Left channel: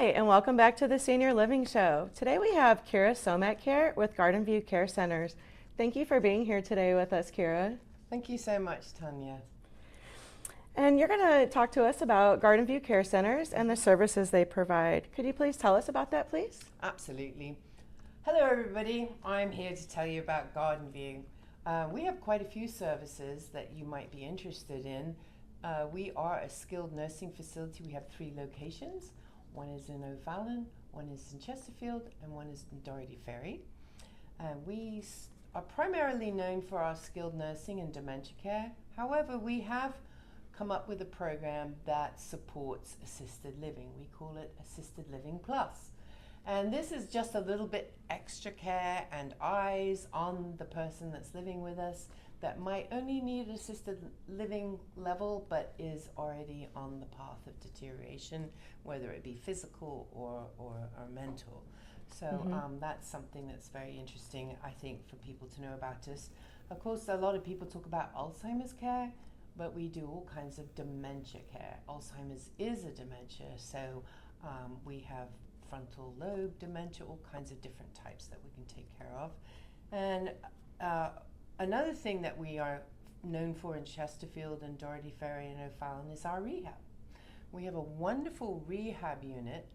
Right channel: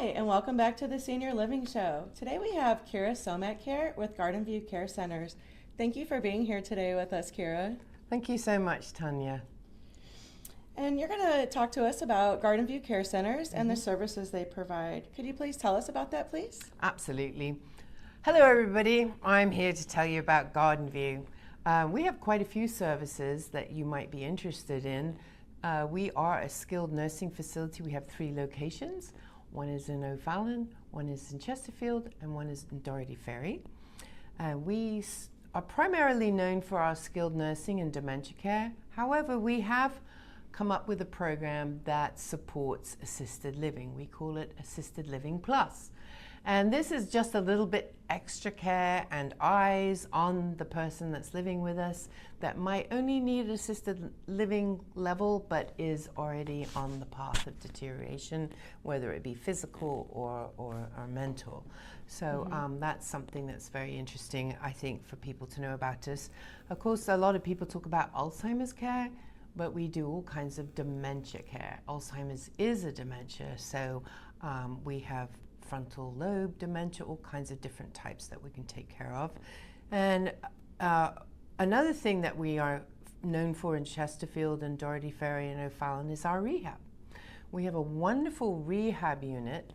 Hi, and welcome back to the Senior Living Show. Today we have Kira Somach here with Garden View Care Centers. Thank you for being here today with us, Kira. Thank you so much, Tanya. And you're going to talk to us about Garden View Care Centers and the services they provide. Could you please tell us about that, please? Absolutely. Hello, everybody. I'm here to tell you about Garden View. We have quite a few services that you might be interested in. We are a skilled nursing facility. We have 3 locations. One is in O'Fallon, one is in Chesterfield, and one is in Dorothy Ferry. We are primarily known for our skilled nursing and dementia care. However, we have come up with a program that supports assisted living. We call it Assisted Living Plus. And this is just a little bit extra care and eyes on the person that's living with us that might only need assisted living level but is already on the path of deterioration, whether it be physical or mental. So that's something that's very interesting, I think, for people to know about us. Of course, a lot of people talk about Alzheimer's care, but we do all kinds of dementia care. Alzheimer's is a dementia, so we have frontal lobe dementia, all kinds of different types that we can take care of. And another thing that we are known for in Chesterfield and Dorothy Ferry and O'Fallon is our rehab. We have a wonderful rehab unit,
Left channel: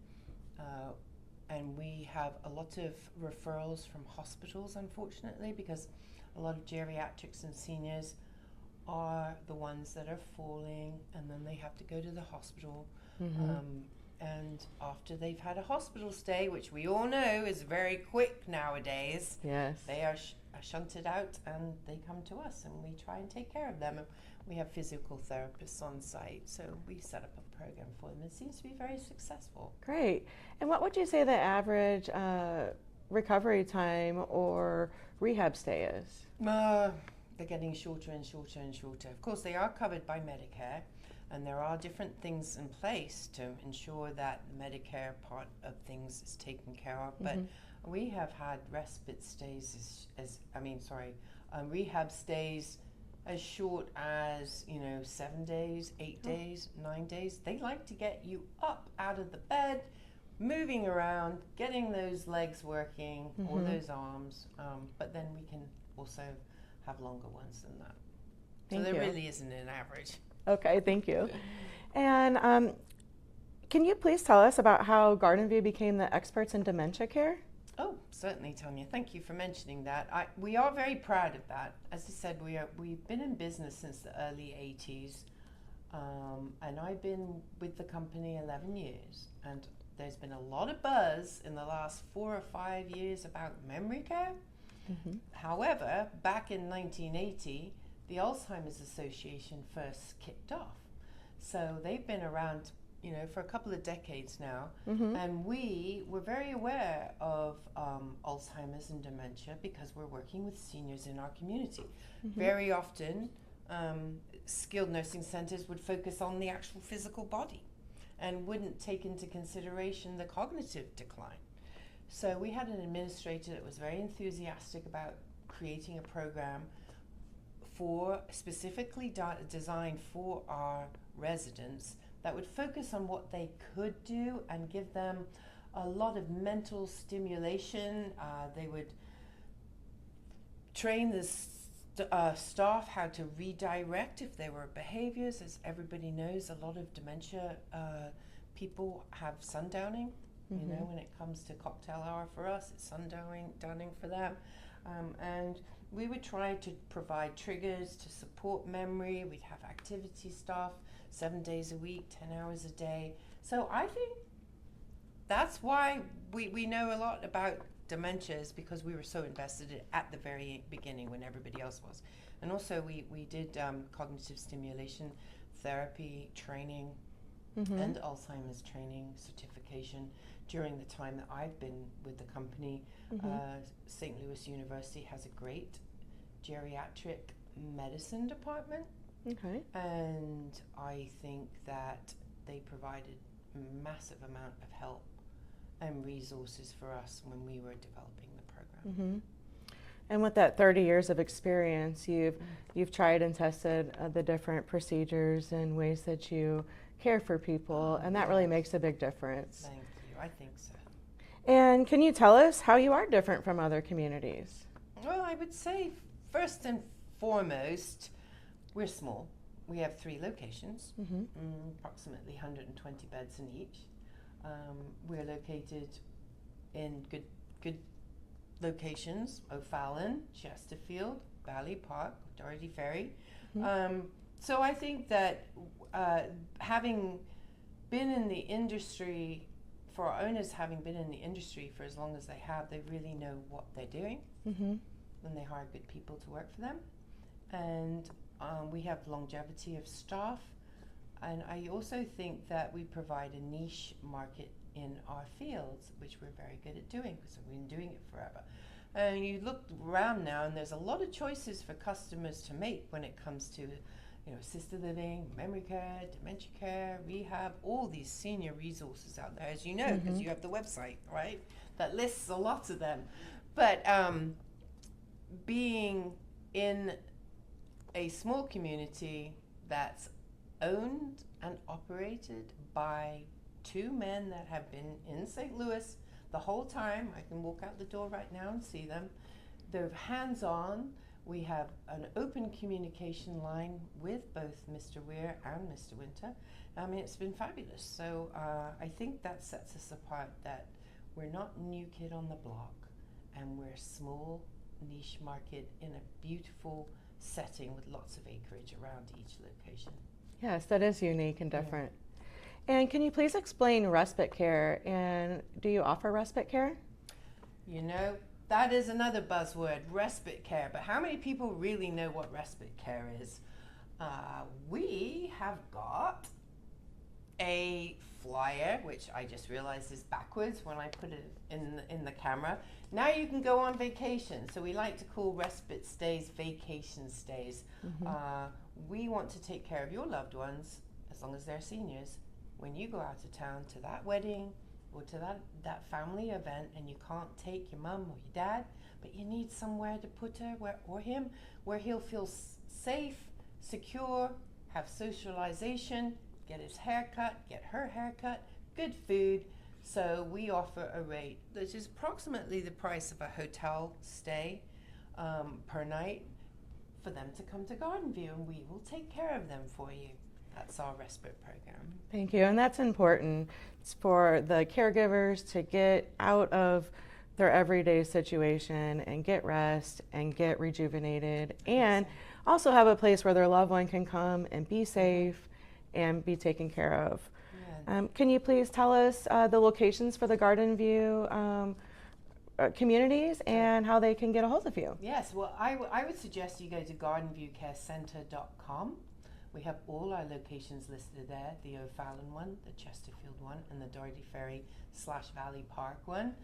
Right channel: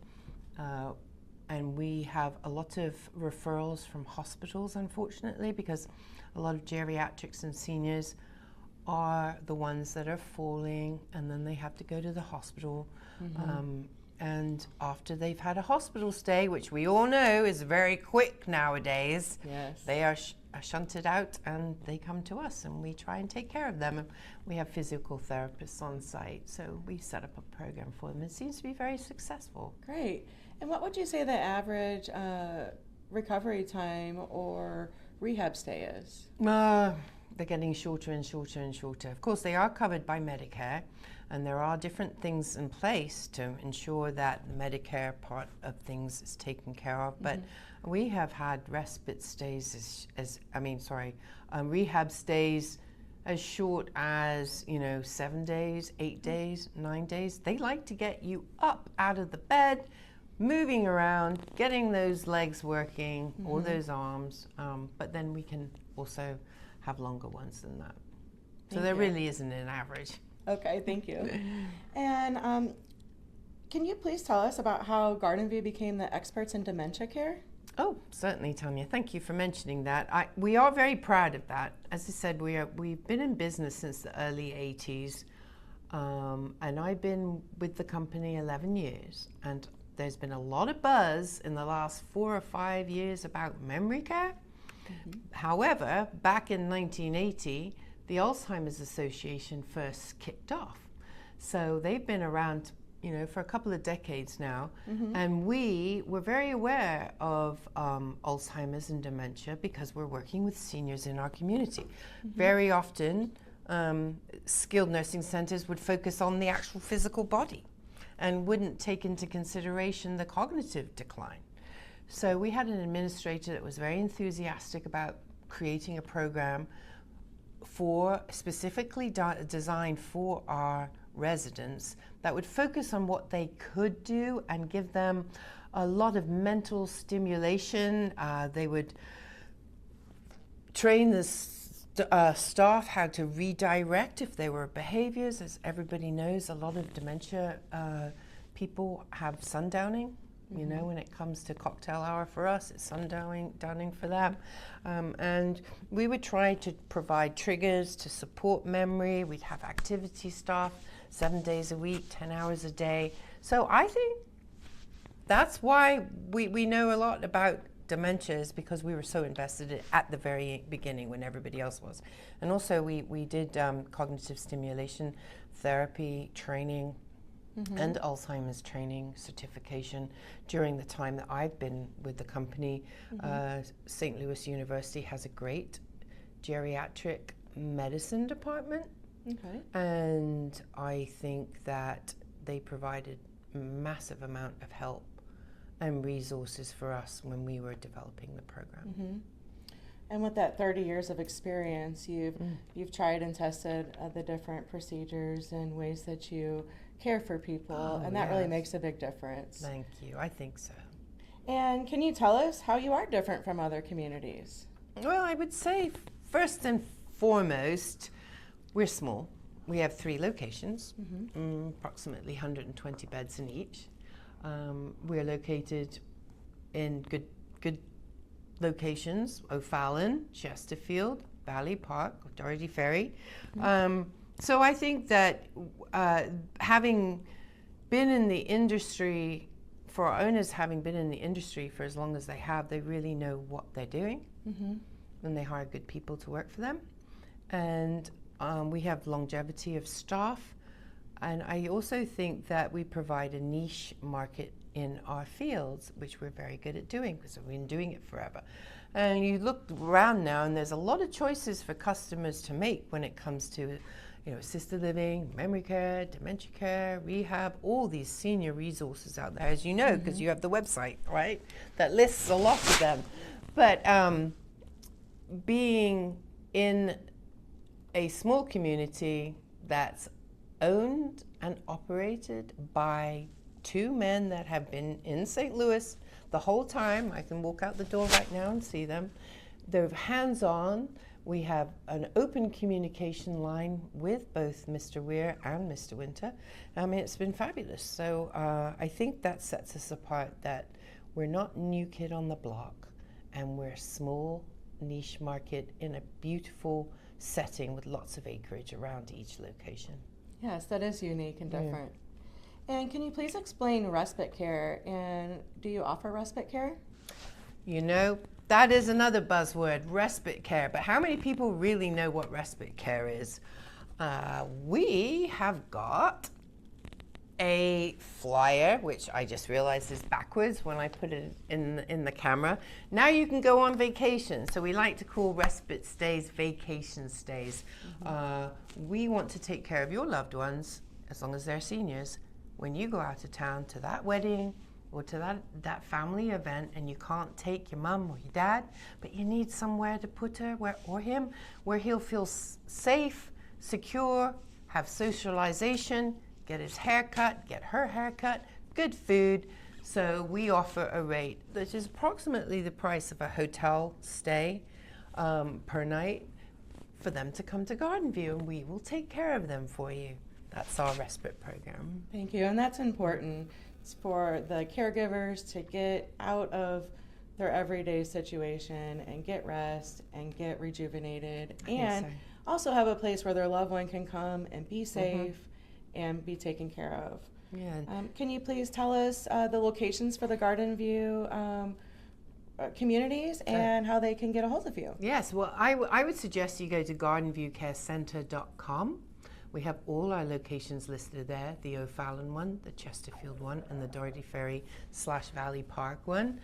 and we have a lot of referrals from hospitals, unfortunately, because a lot of geriatrics and seniors are the ones that are falling, and then they have to go to the hospital. And after they've had a hospital stay, which we all know is very quick nowadays, Yes. they are shunted out and they come to us and we try and take care of them. And we have physical therapists on site, so we set up a program for them. It seems to be very successful. Great. And what would you say the average recovery time or rehab stay is? They're getting shorter and shorter and shorter. Of course, they are covered by Medicare, and there are different things in place to ensure that the Medicare part of things is taken care of. But we have had respite stays rehab stays as short as 7 days, 8 days, 9 days. They like to get you up out of the bed, moving around, getting those legs working or those arms. But then we can also have longer ones than that. So there really isn't an average. Okay, thank you. And can you please tell us about how Garden View became the experts in dementia care? Oh, certainly, Tanya. Thank you for mentioning that. We are very proud of that. As I said, we've been in business since the early 80s, and I've been with the company 11 years. And there's been a lot of buzz in the last 4 or 5 years about memory care. However, back in 1980, the Alzheimer's Association first kicked off. So they've been around, for a couple of decades now. And we were very aware of Alzheimer's and dementia because we're working with seniors in our community. Very often, skilled nursing centers would focus on the actual physical body and wouldn't take into consideration the cognitive decline. So we had an administrator that was very enthusiastic about creating a program specifically designed for our residents that would focus on what they could do and give them a lot of mental stimulation. They would train the staff how to redirect if there were behaviors. As everybody knows, a lot of dementia people have sundowning. When it comes to cocktail hour for us, it's sundowning for them. And we would try to provide triggers to support memory. We'd have activity staff 7 days a week, 10 hours a day. So I think that's why we know a lot about dementia, is because we were so invested in it at the very beginning when everybody else was. And also we did cognitive stimulation therapy training and Alzheimer's training certification during the time that I've been with the company. St. Louis University has a great geriatric medicine department. And I think that they provided a massive amount of help and resources for us when we were developing the program. And with that 30 years of experience, you've tried and tested the different procedures and ways that you care for people, and that really makes a big difference. Thank you. I think so. And can you tell us how you are different from other communities? Well, I would say first and foremost, we're small. We have 3 locations, approximately 120 beds in each. We're located in good locations: O'Fallon, Chesterfield, Valley Park, Dorothy Ferry. So I think that having been in the industry, for our owners having been in the industry for as long as they have, they really know what they're doing, and they hire good people to work for them. And we have longevity of staff, and I also think that we provide a niche market in our fields, which we're very good at doing because we've been doing it forever. And you look around now, and there's a lot of choices for customers to make when it comes to, assisted living, memory care, dementia care, rehab, all these senior resources out there, as you know, because you have the website, right, that lists a lot of them. But being in a small community that's owned and operated by 2 men that have been in St. Louis the whole time. I can walk out the door right now and see them. They're hands-on. We have an open communication line with both Mr. Weir and Mr. Winter. I mean, it's been fabulous. So I think that sets us apart, that we're not new kid on the block, and we're a small niche market in a beautiful setting with lots of acreage around each location. Yes, that is unique and different. And can you please explain respite care, and do you offer respite care? That is another buzzword, respite care, but how many people really know what respite care is? We have got a flyer, which I just realized is backwards when I put it in the camera. Now you can go on vacation, so we like to call respite stays vacation stays. We want to take care of your loved ones, as long as they're seniors, when you go out of town to that wedding or to that family event, and you can't take your mum or your dad, but you need somewhere to put her or him where he'll feel safe, secure, have socialization, get his hair cut, get her hair cut, good food. So we offer a rate that is approximately the price of a hotel stay per night for them to come to Garden View, and we will take care of them for you. That's our respite program. Thank you, and that's important. It's for the caregivers to get out of their everyday situation and get rest and get rejuvenated, and also have a place where their loved one can come and be safe and be taken care of. Can you please tell us the locations for the Garden View communities and how they can get a hold of you? Yes, well, I would suggest you go to gardenviewcarecenter.com. We have all our locations listed there, the O'Fallon one, the Chesterfield one, and the Dorothy Ferry / Valley Park one.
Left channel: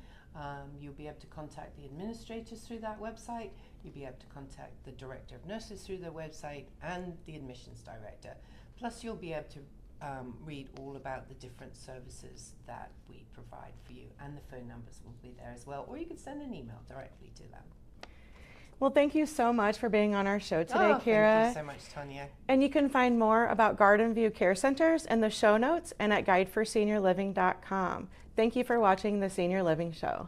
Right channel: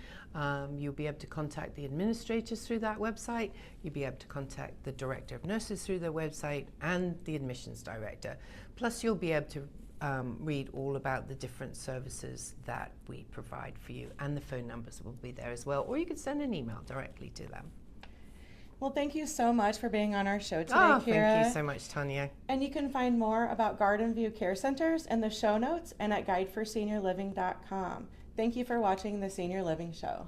You'll be able to contact the administrators through that website. You'll be able to contact the director of nurses through their website and the admissions director. Plus, you'll be able to read all about the different services that we provide for you, and the phone numbers will be there as well, or you could send an email directly to them. Well, thank you so much for being on our show today, Kira. Thank you so much, Tanya. And you can find more about Garden View Care Centers in the show notes and at guideforseniorliving.com. Thank you for watching the Senior Living Show.